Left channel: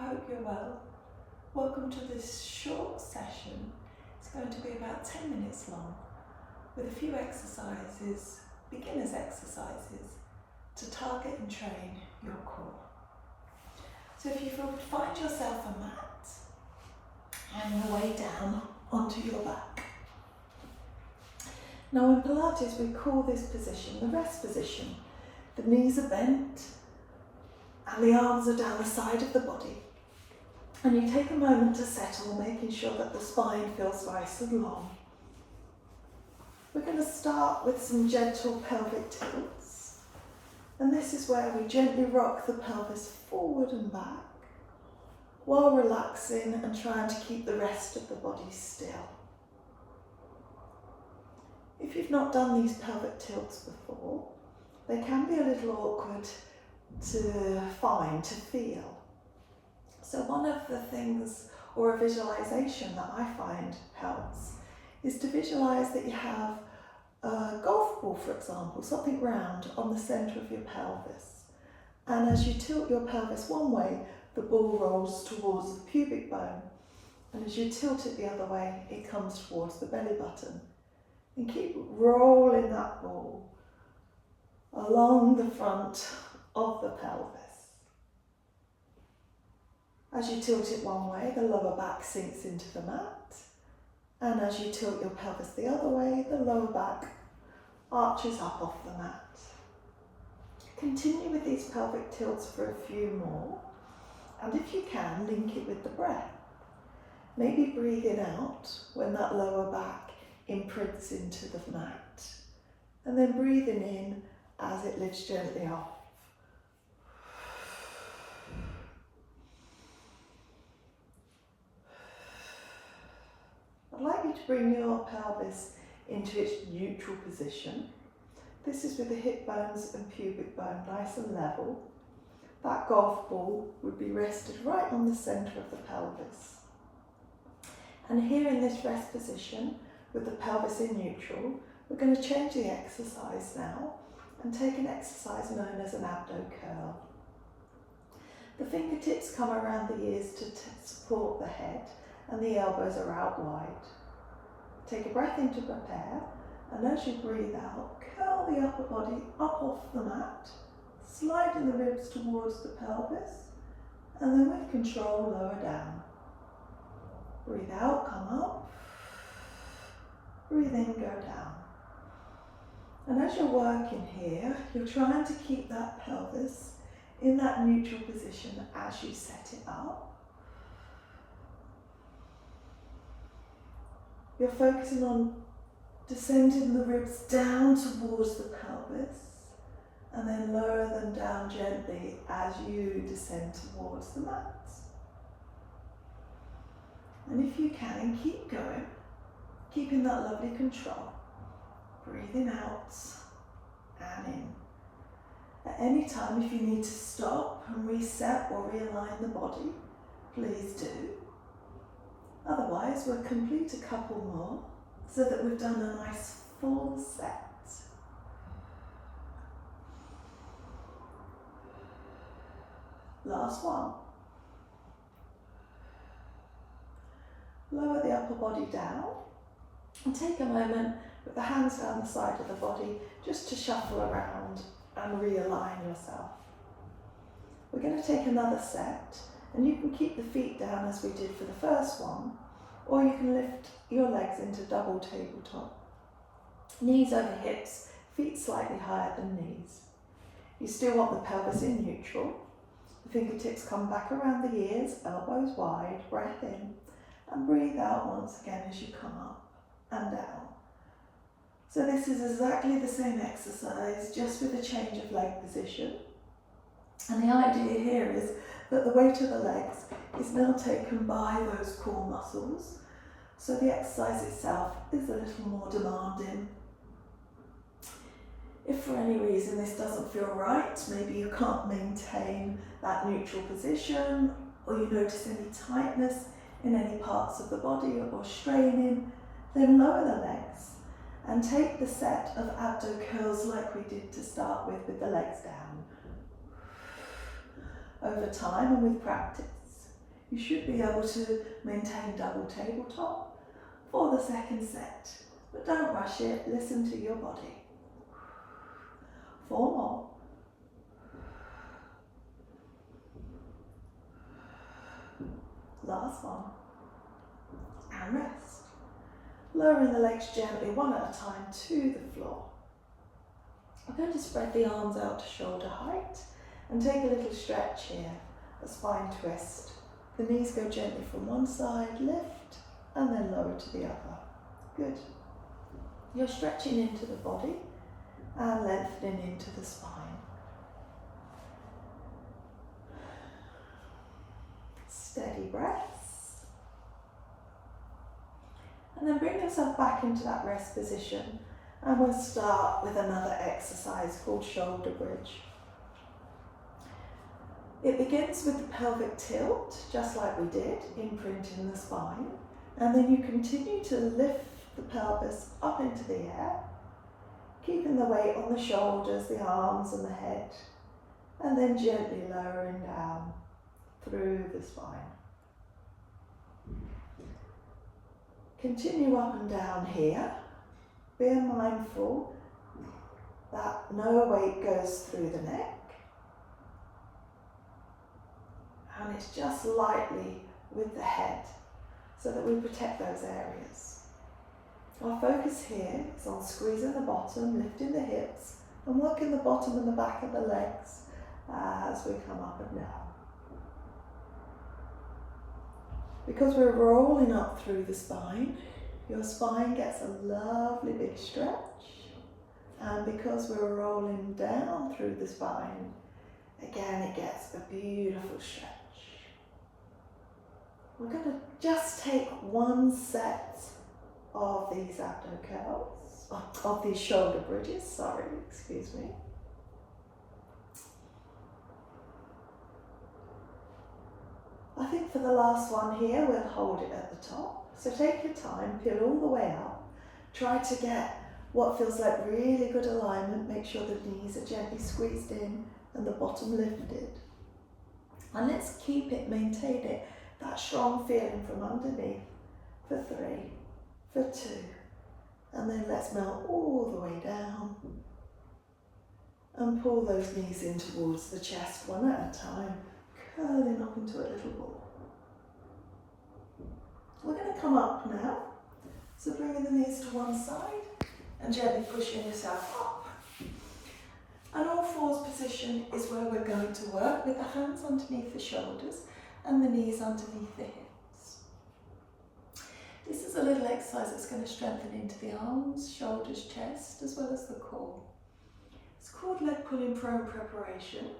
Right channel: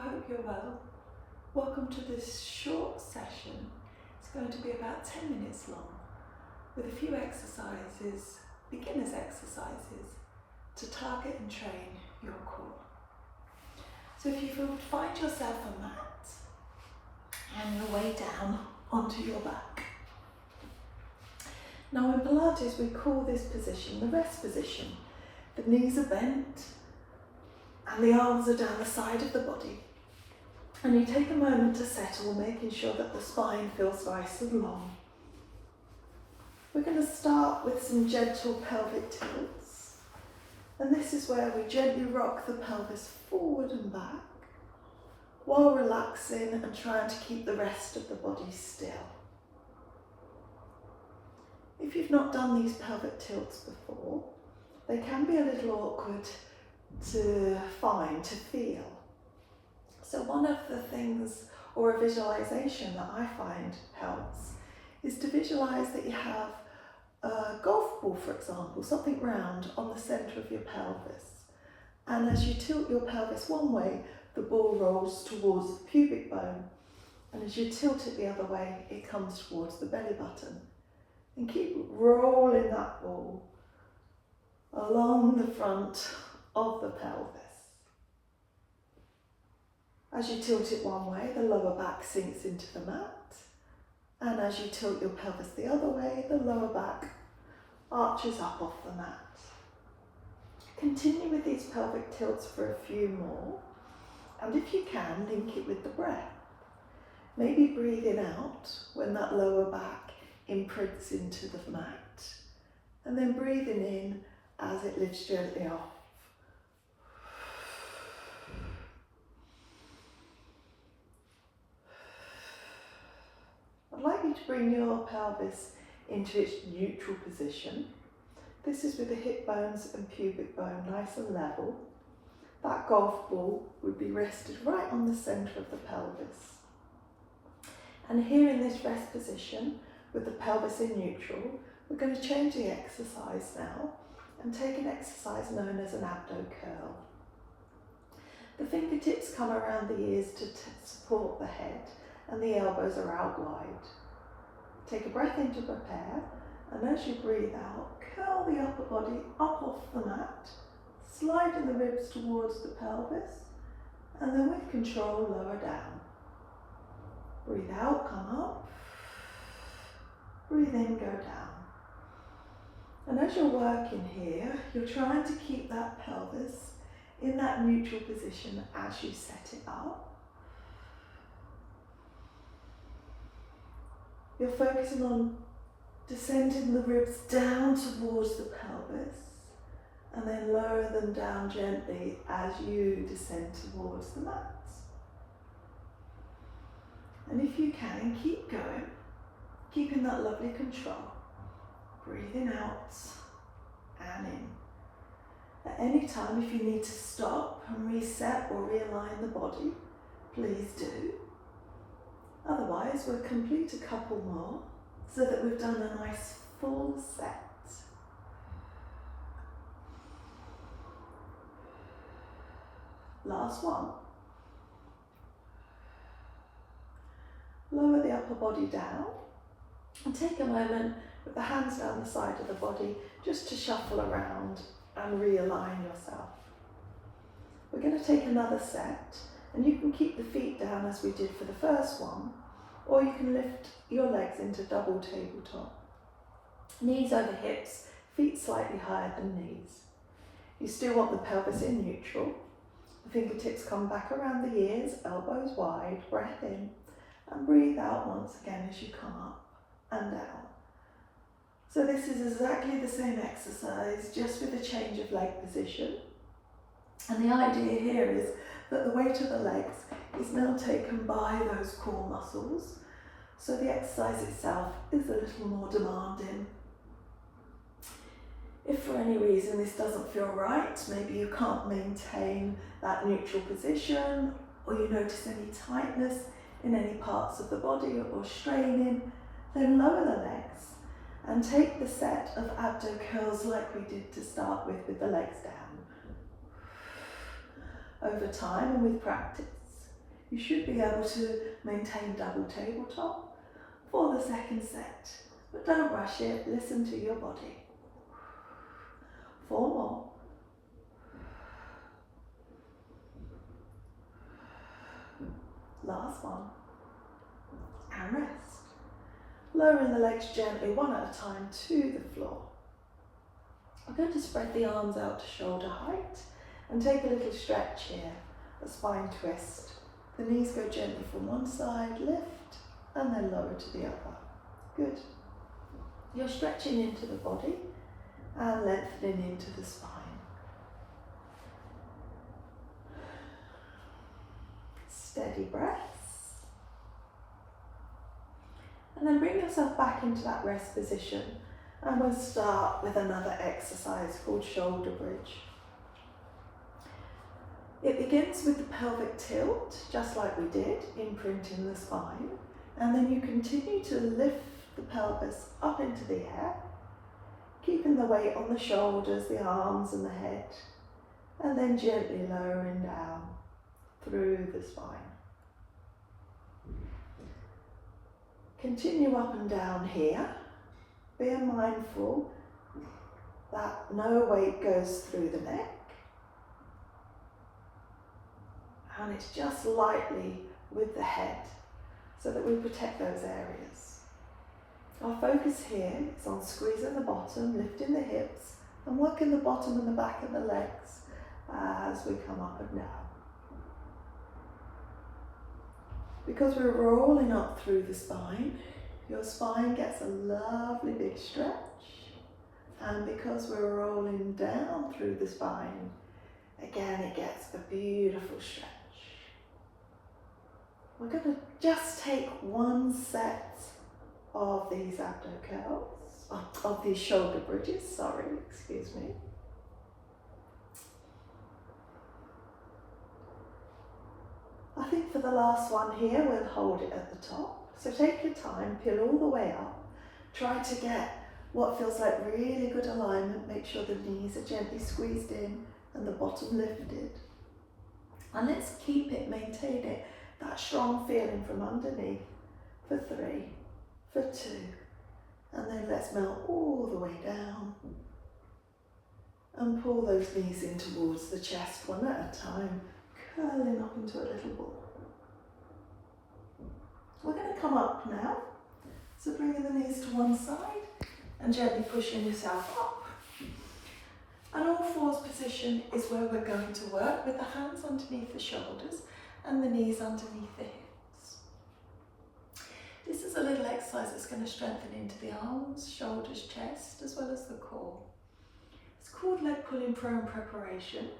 hope you're well. Welcome to this short session. It's going to be about 10 minutes long with a few exercises, beginner's exercises, to target and train your core. So if you find yourself a mat and your way down onto your back. Now in Pilates we call this position the rest position. The knees are bent and the arms are down the side of the body. And you take a moment to settle, making sure that the spine feels nice and long. We're going to start with some gentle pelvic tilts. And this is where we gently rock the pelvis forward and back while relaxing and trying to keep the rest of the body still. If you've not done these pelvic tilts before, they can be a little awkward to find, to feel. So one of the things, or a visualization that I find helps, is to visualize that you have a golf ball, for example, something round on the center of your pelvis. And as you tilt your pelvis one way, the ball rolls towards the pubic bone. And as you tilt it the other way, it comes towards the belly button. And keep rolling that ball along the front of the pelvis. As you tilt it one way, the lower back sinks into the mat. And as you tilt your pelvis the other way, the lower back arches up off the mat. Continue with these pelvic tilts for a few more. And if you can, link it with the breath. Maybe breathing out when that lower back imprints into the mat. And then breathing in as it lifts gently off. I'd like you to bring your pelvis into its neutral position. This is with the hip bones and pubic bone nice and level. That golf ball would be rested right on the centre of the pelvis. And here in this rest position, with the pelvis in neutral, we're going to change the exercise now and take an exercise known as an abdo curl. The fingertips come around the ears to support the head, and the elbows are out wide. Take a breath in to prepare, and as you breathe out, curl the upper body up off the mat, sliding the ribs towards the pelvis, and then with control lower down. Breathe out, come up. Breathe in, go down. And as you're working here, you're trying to keep that pelvis in that neutral position as you set it up. You're focusing on descending the ribs down towards the pelvis and then lower them down gently as you descend towards the mat. And if you can, keep going, keeping that lovely control. Breathing out and in. At any time, if you need to stop and reset or realign the body, please do. Otherwise, we'll complete a couple more so that we've done a nice full set. Last one. Lower the upper body down and take a moment with the hands down the side of the body just to shuffle around and realign yourself. We're going to take another set, and you can keep the feet down as we did for the first one, or you can lift your legs into double tabletop. Knees over hips, feet slightly higher than knees. You still want the pelvis in neutral. The fingertips come back around the ears, elbows wide, breath in, and breathe out once again as you come up and down. So this is exactly the same exercise, just with a change of leg position. And the idea here is that the weight of the legs is now taken by those core muscles, so the exercise itself is a little more demanding. If for any reason this doesn't feel right, maybe you can't maintain that neutral position, or you notice any tightness in any parts of the body or straining, then lower the legs and take the set of abdo curls like we did to start with the legs down. Over time and with practice, You should be able to maintain double tabletop for the second set, but don't rush it, listen to your body. 4 more. Last one. And rest. Lowering the legs gently, one at a time, to the floor. I'm going to spread the arms out to shoulder height and take a little stretch here, a spine twist. The knees go gently from one side, lift, and then lower to the other. Good. You're stretching into the body and lengthening into the spine. Steady breaths. And then bring yourself back into that rest position, and we'll start with another exercise called shoulder bridge. It begins with the pelvic tilt, just like we did, imprinting the spine, and then you continue to lift the pelvis up into the air, keeping the weight on the shoulders, the arms and the head, and then gently lowering down through the spine. Continue up and down here. Be mindful that no weight goes through the neck, and it's just lightly with the head so that we protect those areas. Our focus here is on squeezing the bottom, lifting the hips, and working the bottom and the back of the legs as we come up and down. Because we're rolling up through the spine, your spine gets a lovely big stretch, and because we're rolling down through the spine, again it gets a beautiful stretch. We're going to just take one set of these abdo curls, of these shoulder bridges, excuse me. I think for the last one here, we'll hold it at the top. So take your time, peel all the way up. Try to get what feels like really good alignment. Make sure the knees are gently squeezed in and the bottom lifted. And let's keep it, maintain it, that strong feeling from underneath for 3, for 2. And then let's melt all the way down. And pull those knees in towards the chest, one at a time, curling up into a little ball. We're going to come up now, so bringing the knees to one side and gently pushing yourself up. An all fours position is where we're going to work with the hands underneath the shoulders and the knees underneath the hips. This is a little exercise that's going to strengthen into the arms, shoulders, chest, as well as the core. It's called leg pulling prone preparation,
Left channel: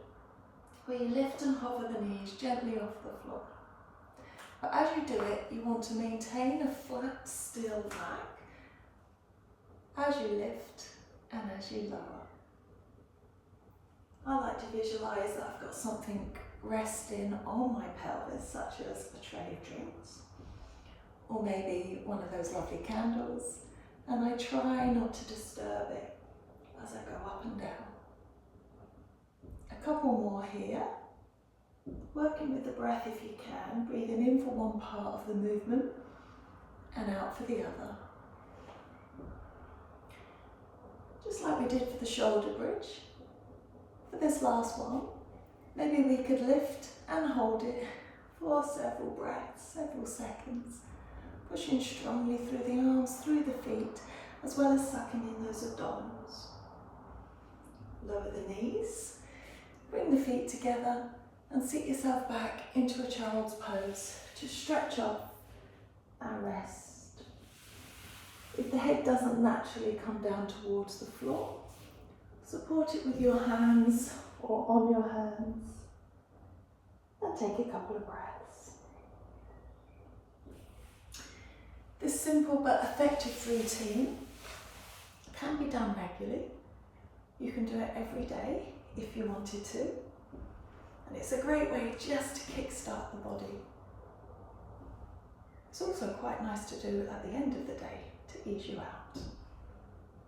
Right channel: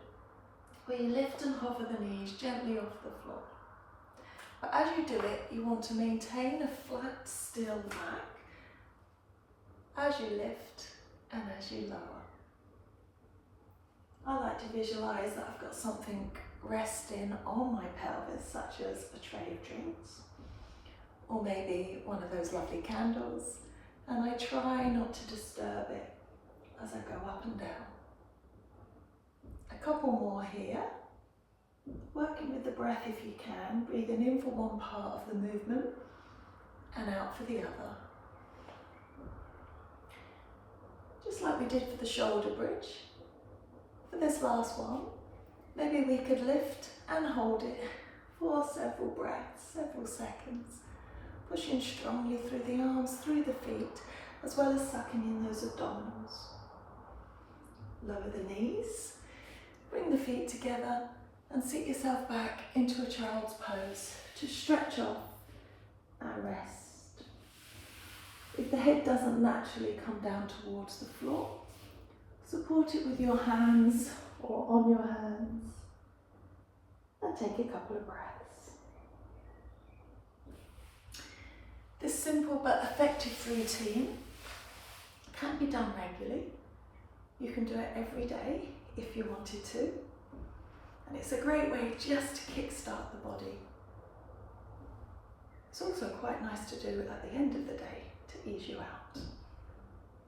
where you lift and hover the knees gently off the floor. But as you do it, you want to maintain a flat, still back as you lift and as you lower. I like to visualise that I've got something resting on my pelvis, such as a tray of drinks, or maybe one of those lovely candles, and I try not to disturb it as I go up and down. A couple more here. Working with the breath if you can, breathing in for one part of the movement and out for the other. Just like we did for the shoulder bridge. For this last one, maybe we could lift and hold it for several breaths, several seconds, pushing strongly through the arms, through the feet, as well as sucking in those abdominals. Lower the knees, bring the feet together, and sit yourself back into a child's pose to stretch off and rest. If the head doesn't naturally come down towards the floor, support it with your hands or on your hands and take a couple of breaths. This simple but effective routine can be done regularly. You can do it every day if you wanted to. And it's a great way just to kickstart the body. It's also quite nice to do at the end of the day to ease you out.